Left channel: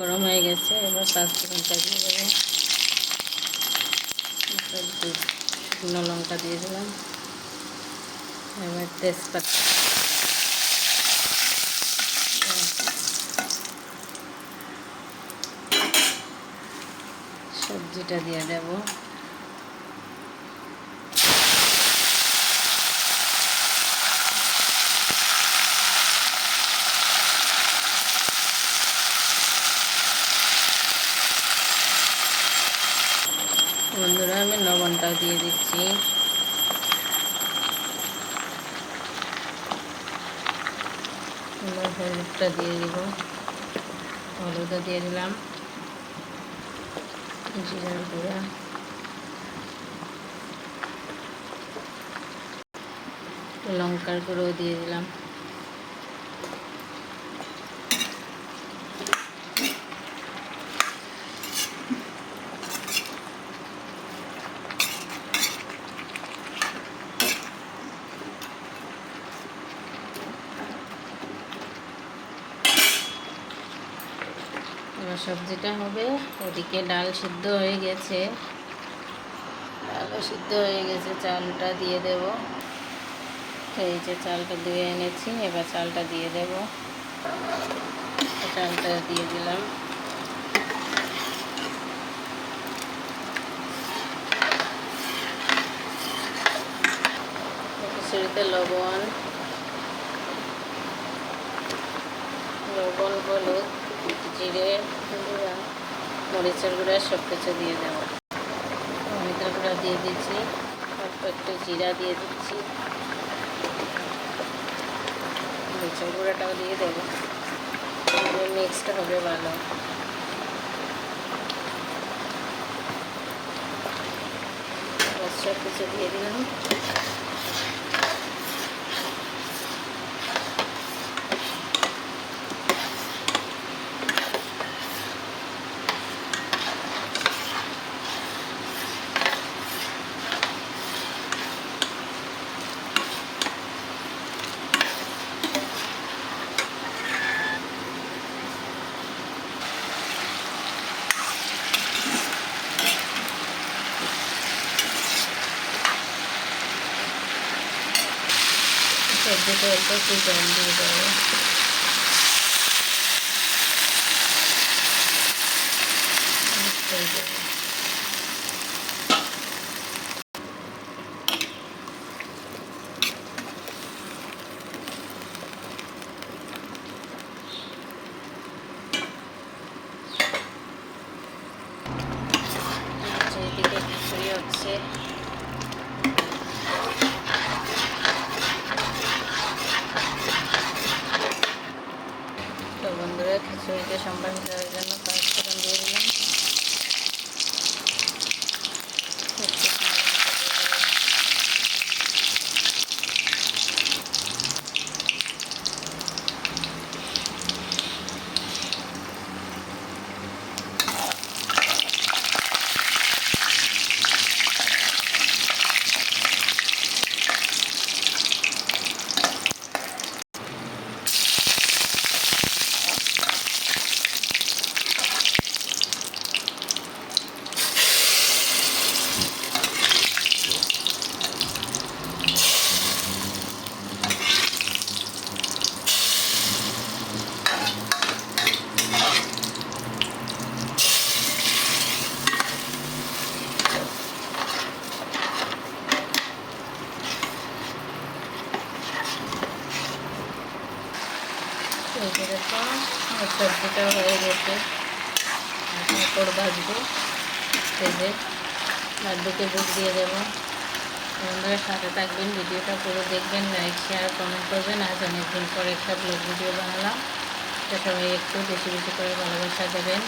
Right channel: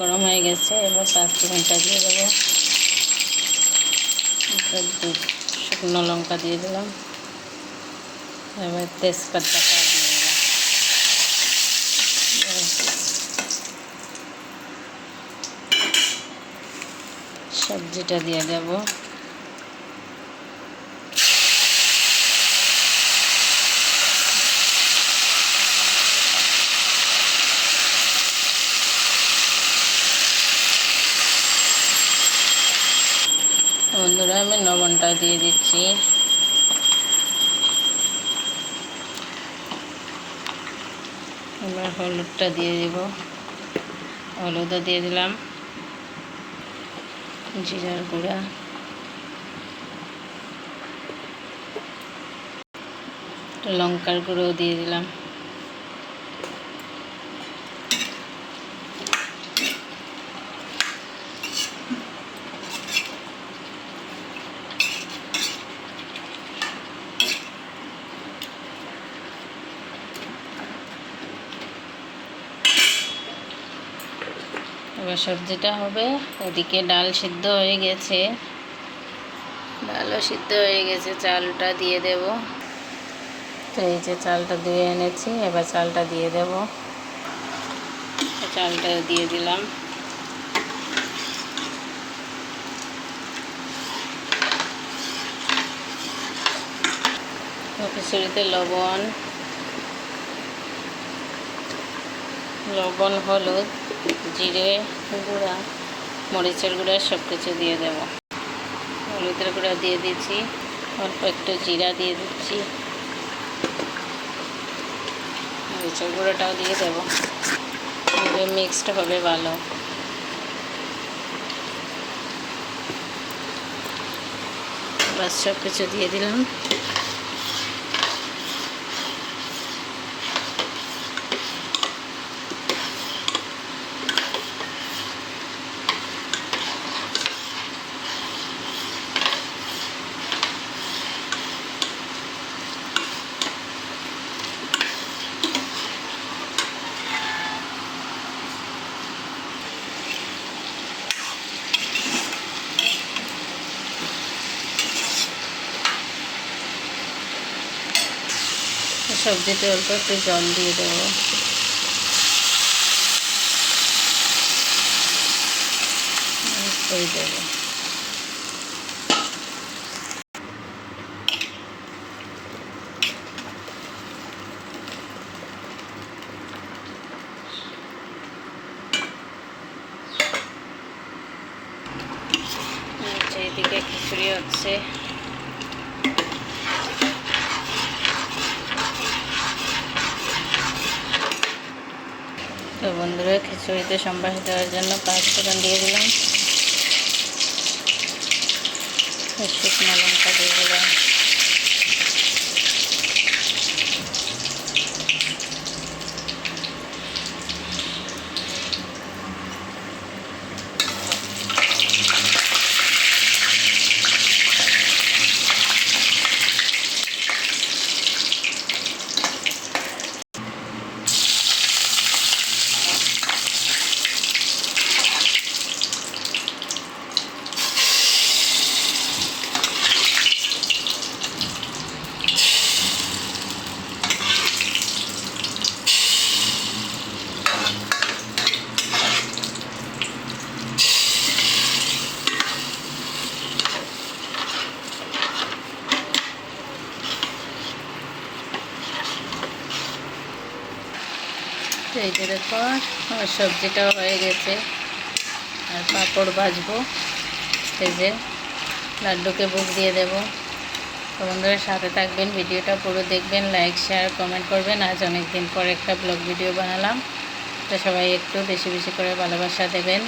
গরম হয়ে গেছে, এবার পাঁচ ফোড়নটা দিয়ে দেবো। শুকনো লঙ্কা দিয়ে দিলাম। এবার তেজপাতা সবজিটা দিয়ে দেব। বন্ধুরা, আমি লবণটাও দিয়ে দিচ্ছি। এবার হলুদটা দিয়ে দিব। হলুদও দিয়ে দিলাম। জিরার গুঁড়া। লঙ্কার গুঁড়োও দিয়ে দিলাম। এবার সবজিটা হবে ওদিকে ডাল সিদ্ধ হয়ে গেছে। ডালও সিদ্ধ হয়ে গেছে, চালটা দিয়ে দেব। তো এই যে চালটা দিয়ে এনেছি, এবার চালটা দিয়ে দেব। চালটা দিয়ে দিলাম। খিচুড়িতে লবণ লবণ, হলুদ, জিরে, গুঁড়া, মরিচের গুঁড়া সব কিছু দিয়ে দেব। হলুদের গুঁড়া দিয়ে দিচ্ছি, অল্প একটু জিরা দিয়ে দিচ্ছি। মরিচের গুঁড়াটাও দিয়ে দেবো। মিক্সড হবে ভালো। সব কিছু দিয়ে দিলাম। সবজিতে অল্প একটু জল দিয়ে দেবো। দেবো। এদিকে খিচুড়ি হচ্ছে তো বন্ধুরা খিচুড়িতে সম্বাস দেওয়ার জন্য পাঁচ ফোড়ন দিয়ে দিলাম। শুকনো লঙ্কা দিয়ে দিলাম। এই যে দেখো, আমার সবজিটা হয়ে গেছে। আর পাঁপড় ভাজবো। এই যে লাড্ডুকে বুক দিয়ে দেবো। তো বন্ধুরা, সাথে থাকবেন, ভিডিওটা পুরো দেখবেন লাইক শেয়ার কমেন্ট করবেন। আজ অনেক দিন পর একটা ব্লগ ভিডিও বানালাম। তো সবাই একটু বেশি বেশি করে ভালোবাসা দেবেন।